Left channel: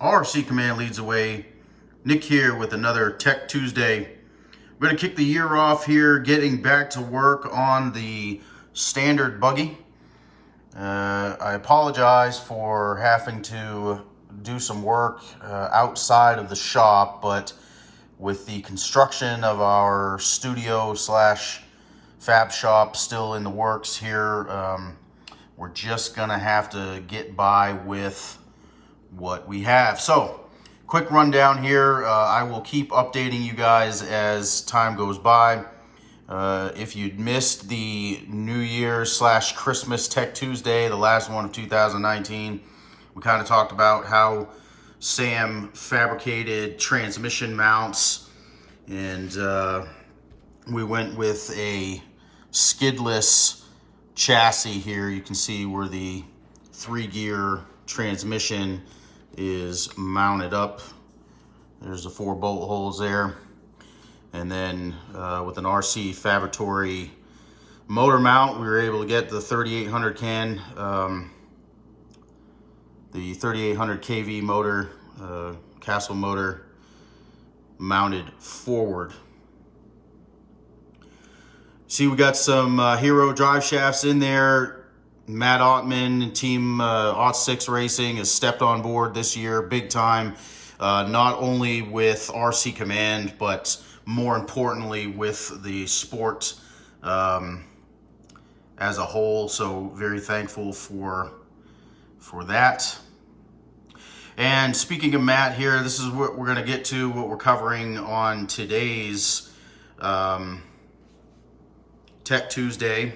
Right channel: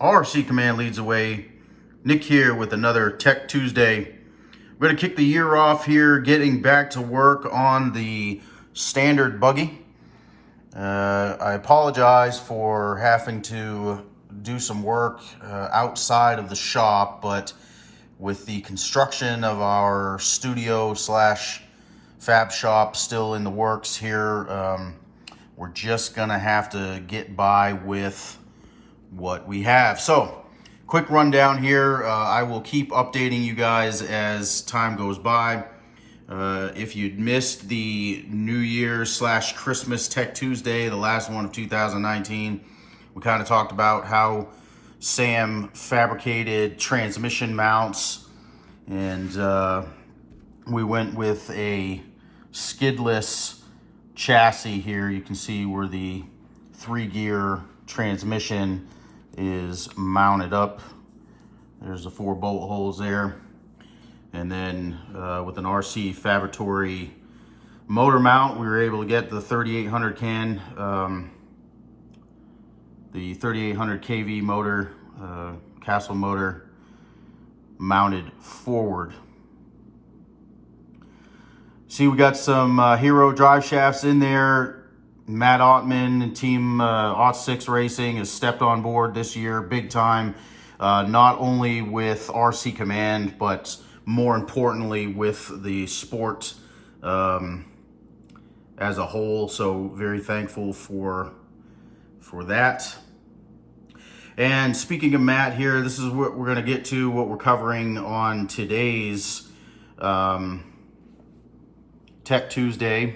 RC Command leads the way. Nick here with another Tech Tuesday. We're going to kick the year off here, getting back to work on the standard buggy. I apologize for having to do some work outside of the shop, but with the construction of our studio slash fab shop still in the works here, we're just gonna have to get by with what we have. So quick rundown here. I will keep updating you guys as time goes by. If you'd missed the New Year's slash Christmas Tech Tuesday, the last one of 2019, we kind of talked about how Sam fabricated transmission mounts, and we went with a skidless chassis here. You can see where the 3-gear transmission is mounted up. There's the 4 bolt holes there. And then with an RC Fabratory motor mount, we were able to get the 3800 can, the 3800 kV motor, Castle motor mounted forward. See, we got some Hero drive shafts in there. Matt Ottman and Team Ot6 Racing has stepped on board this year big time, not only with RC Command, but more importantly with the sport as a whole. So very thankful for that. And speaking of Matt here, this is what we're going to get to, what we're covering on today's Tech Tuesday.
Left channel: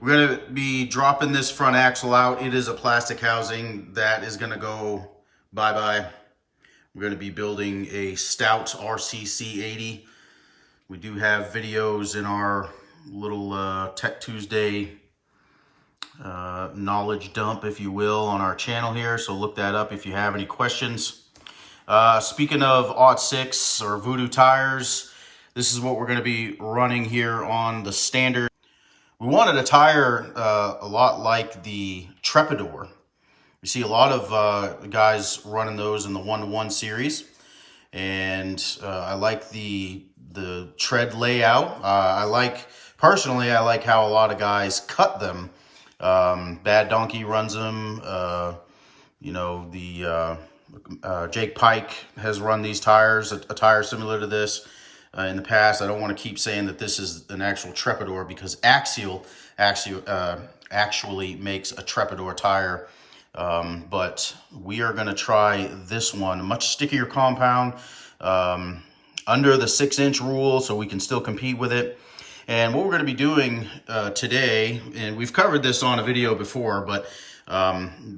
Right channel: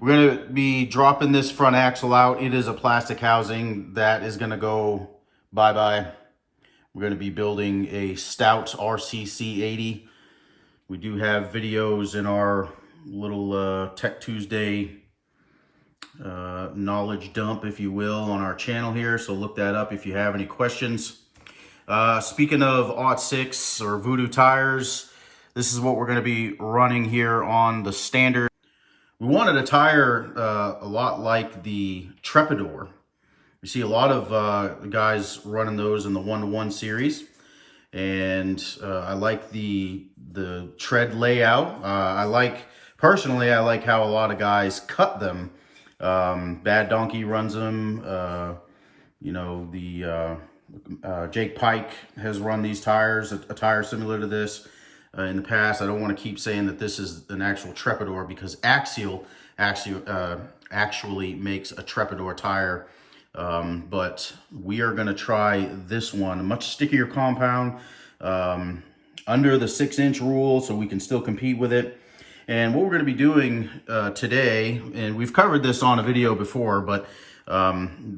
We're going to be dropping this front axle out. It is a plastic housing that is going to go bye-bye. We're going to be building a stout RCC 80. We do have videos in our little Tech Tuesday knowledge dump, if you will, on our channel here. So look that up if you have any questions. Speaking of Ot6 or Voodoo tires, this is what we're going to be running here on the standard. We wanted a tire a lot like the Trepador. We see a lot of guys running those in the 1-to-1 series, and I like the tread layout. Personally, I like how a lot of guys cut them. Bad Donkey runs them. You know, Jake Pike has run these tires, a tire similar to this in the past. I don't want to keep saying that this is an actual Trepador, because Axial actually makes a Trepador tire. But we are going to try this one, a much stickier compound, under the 6-inch rule, so we can still compete with it. And what we're going to be doing today, and we've covered this on a video before, but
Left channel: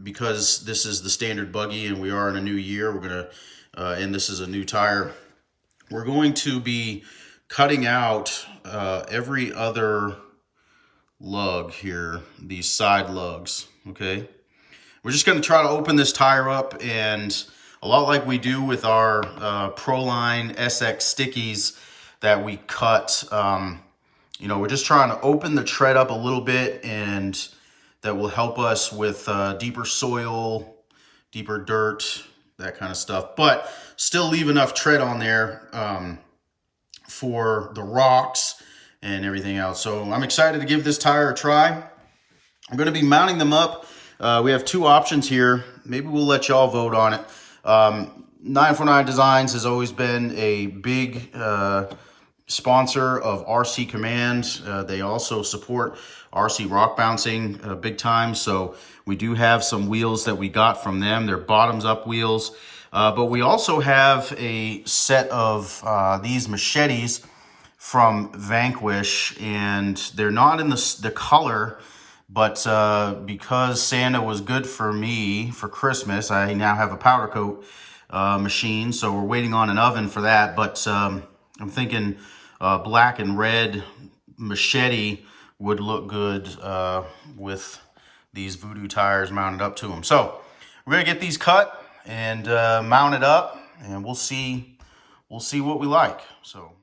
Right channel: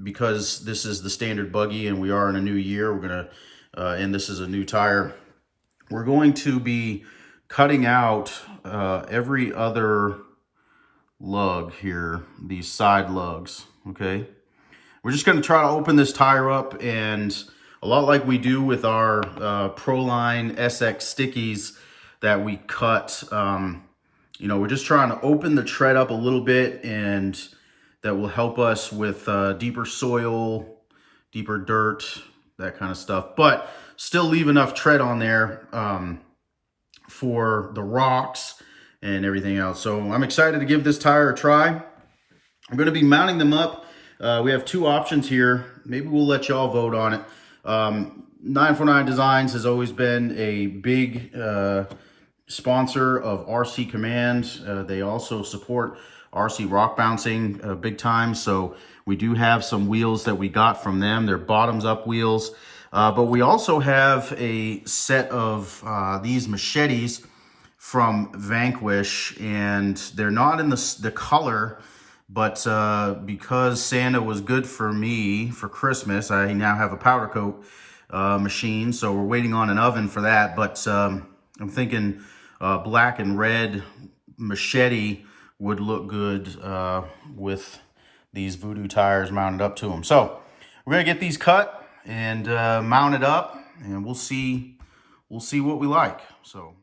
because this is the standard buggy and we are in a new year, we're going to, and this is a new tire, we're going to be cutting out every other lug here, these side lugs, okay? We're just going to try to open this tire up, and a lot like we do with our Proline SX stickies that we cut, you know, we're just trying to open the tread up a little bit, and that will help us with deeper soil, deeper dirt, that kind of stuff, but still leave enough tread on there for the rocks and everything else. So I'm excited to give this tire a try. I'm going to be mounting them up. We have 2 options here. Maybe we'll let y'all vote on it. 949 Designs has always been a big sponsor of RC Command. They also support RC Rock Bouncing big time. So we do have some wheels that we got from them. They're bottoms up wheels. But we also have a set of these machetes from Vanquish, and they're not in the color, but because Santa was good for me for Christmas, I now have a powder coat machine. So we're waiting on an oven for that. But I'm thinking black and red machete would look good with these Voodoo tires mounted up to them. So we're gonna get these cut and mounted up, and we'll see what we like. So.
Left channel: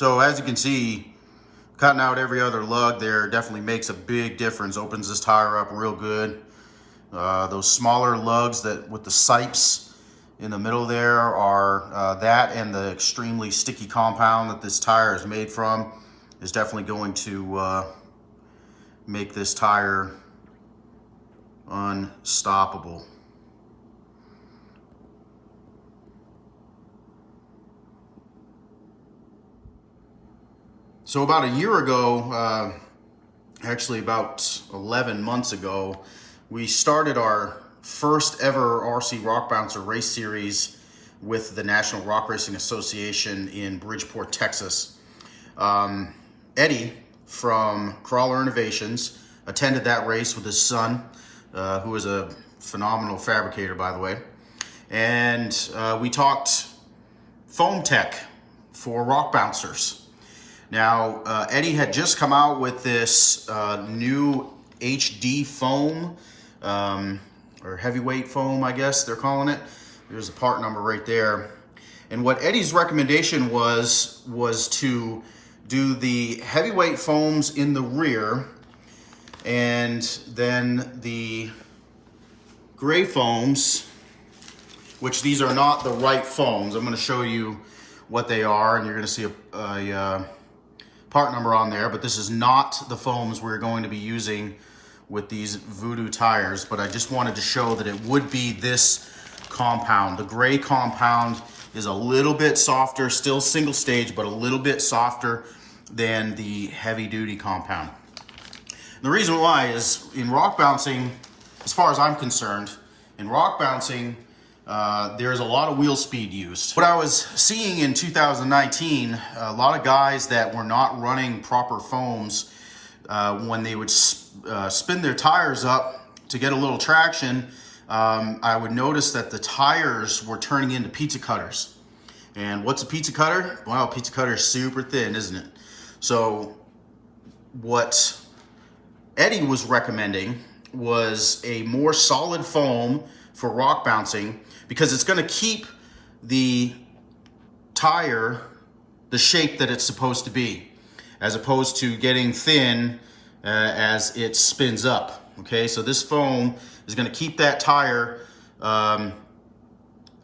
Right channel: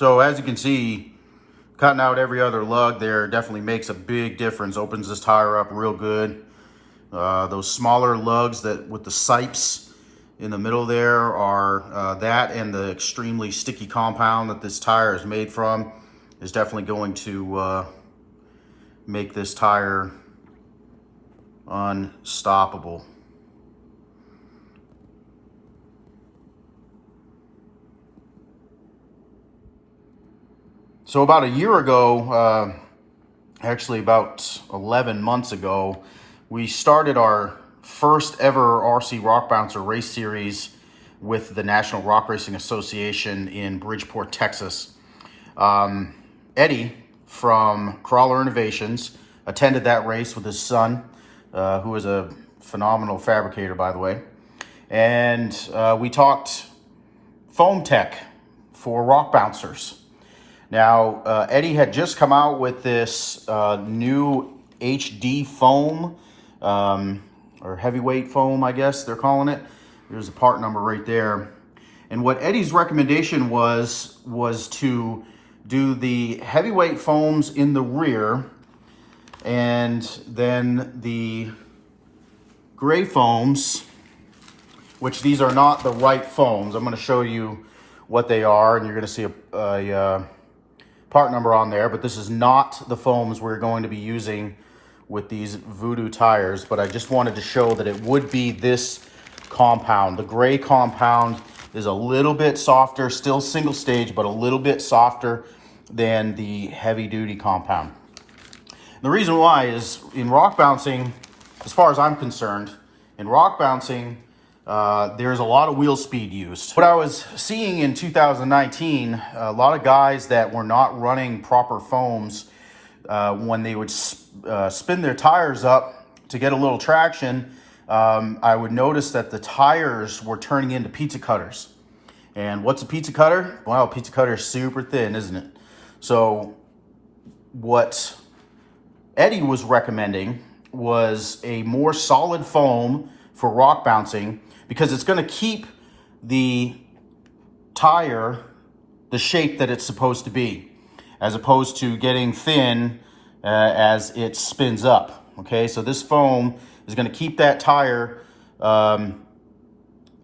So as you can see, cutting out every other lug there definitely makes a big difference. Opens this tire up real good. Those smaller lugs that with the sipes in the middle there are that, and the extremely sticky compound that this tire is made from is definitely going to make this tire unstoppable. So about a year ago, actually about 11 months ago, we started our first ever RC Rock Bouncer race series with the National Rock Racing Association in Bridgeport, Texas. Eddie from Crawler Innovations attended that race with his son, who is a phenomenal fabricator, by the way. And we talked foam tech for rock bouncers. Now, Eddie had just come out with this new HD foam, or heavyweight foam, I guess they're calling it. There's a part number right there. And what Eddie's recommendation was to do the heavyweight foams in the rear, and then the gray foams, which these are not the right foams. I'm going to show you what they are, and you're going to see a part number on there, but this is not the foams we're going to be using with these Voodoo tires. But I just wanted to show that it would be this compound. The gray compound is a little bit softer, still single stage, but a little bit softer than the heavy duty compound. The reason why is in rock bouncing, as far as I'm concerned, in rock bouncing, there's a lot of wheel speed used. What I was seeing in 2019, a lot of guys that were not running proper foams, when they would spin their tires up to get a little traction, I would notice that the tires were turning into pizza cutters. And what's a pizza cutter? Well, a pizza cutter is super thin, isn't it? So what Eddie was recommending was a more solid foam for rock bouncing, because it's going to keep the tire the shape that it's supposed to be, as opposed to getting thin as it spins up. Okay, so this foam is going to keep that tire and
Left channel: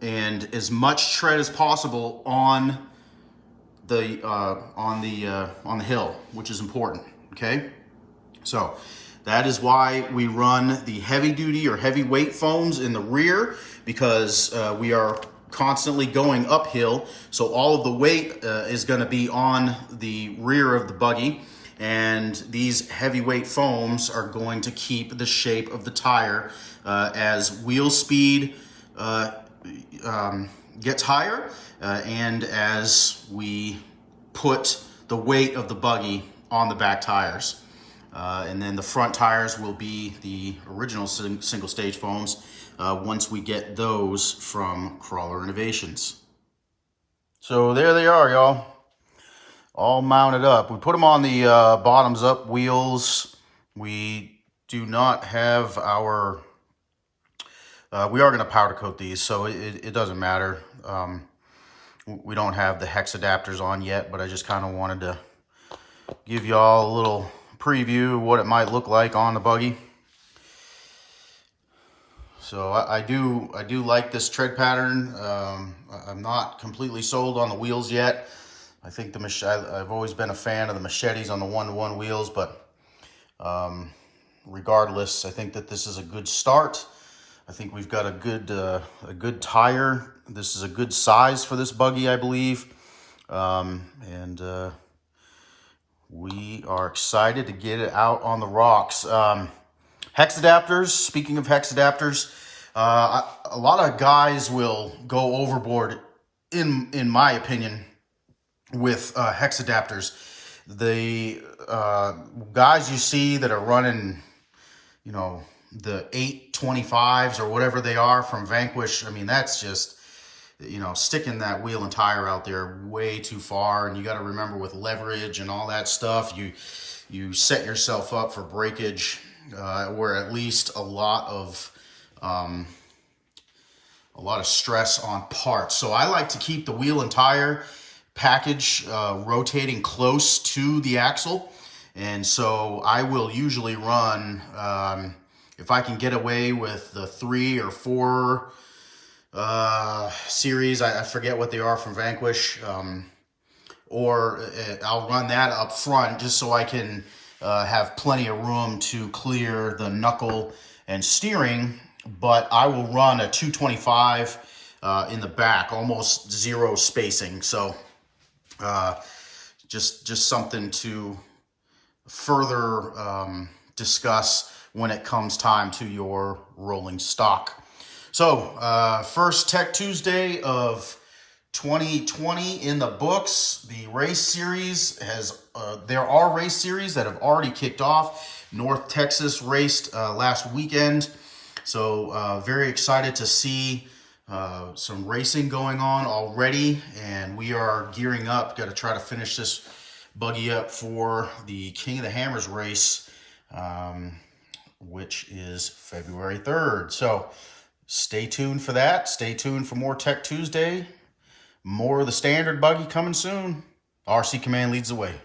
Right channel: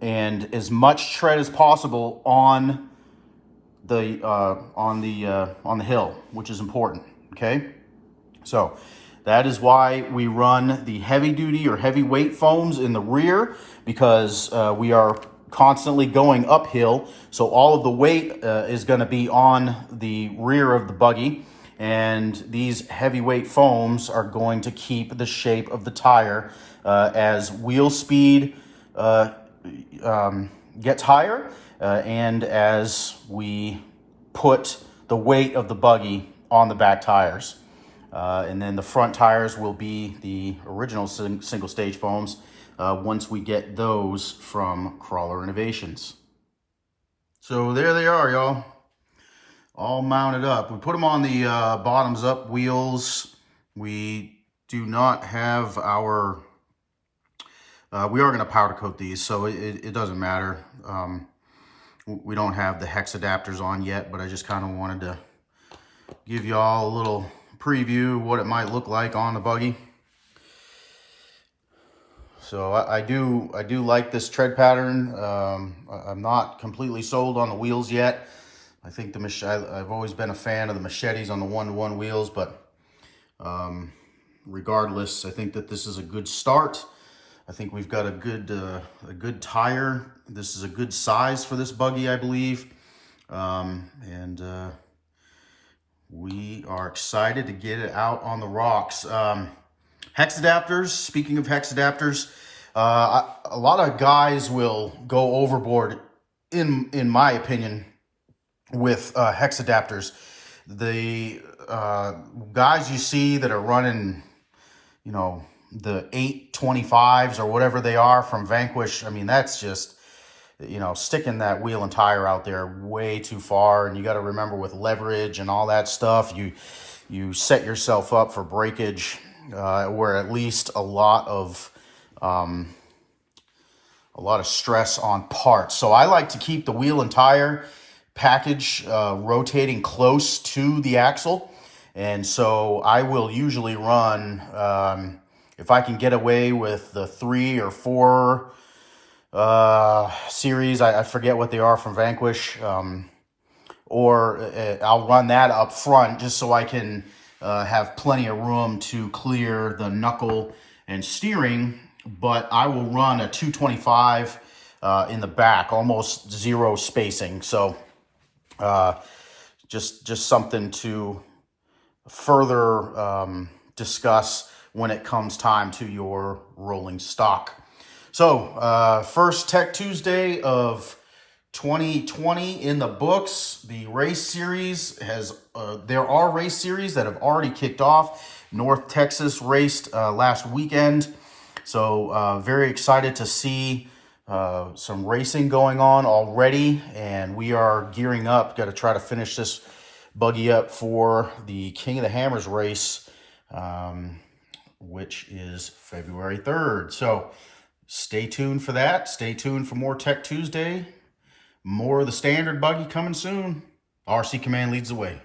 as much tread as possible on the hill, which is important. Okay, so that is why we run the heavy duty or heavyweight foams in the rear, because we are constantly going uphill. So all of the weight is going to be on the rear of the buggy. And these heavyweight foams are going to keep the shape of the tire as wheel speed gets higher and as we put the weight of the buggy on the back tires. And then the front tires will be the original single stage foams once we get those from Crawler Innovations. So there they are, y'all, all mounted up. We put them on the bottoms up wheels. We do not have our, we are going to powder coat these, so it doesn't matter. We don't have the hex adapters on yet, but I just kind of wanted to give y'all a little preview of what it might look like on the buggy. So I do like this tread pattern. I'm not completely sold on the wheels yet. I think I've always been a fan of the machetes on the 1-to-1 wheels, but regardless, I think that this is a good start. I think we've got a good tire. This is a good size for this buggy, I believe, and we are excited to get it out on the rocks. Hex adapters, speaking of hex adapters, a lot of guys will go overboard, in my opinion, with hex adapters. The guys you see that are running, you know, the 825s or whatever they are from Vanquish, I mean, that's just, you know, sticking that wheel and tire out there way too far. And you got to remember, with leverage and all that stuff, you set yourself up for breakage, where at least a lot of stress on parts. So I like to keep the wheel and tire package rotating close to the axle. And so I will usually run, if I can get away with the 3 or 4 series, I forget what they are from Vanquish, or I'll run that up front just so I can have plenty of room to clear the knuckle and steering. But I will run a 225 in the back, almost zero spacing. So just something to further discuss when it comes time to your rolling stock. So first Tech Tuesday of 2020 in the books. The race series has, there are race series that have already kicked off. North Texas raced last weekend. So very excited to see some racing going on already. And we are gearing up, got to try to finish this buggy up for the King of the Hammers race, which is February 3rd. So stay tuned for that. Stay tuned for more Tech Tuesday. More of the standard buggy coming soon. RC Command leads the way.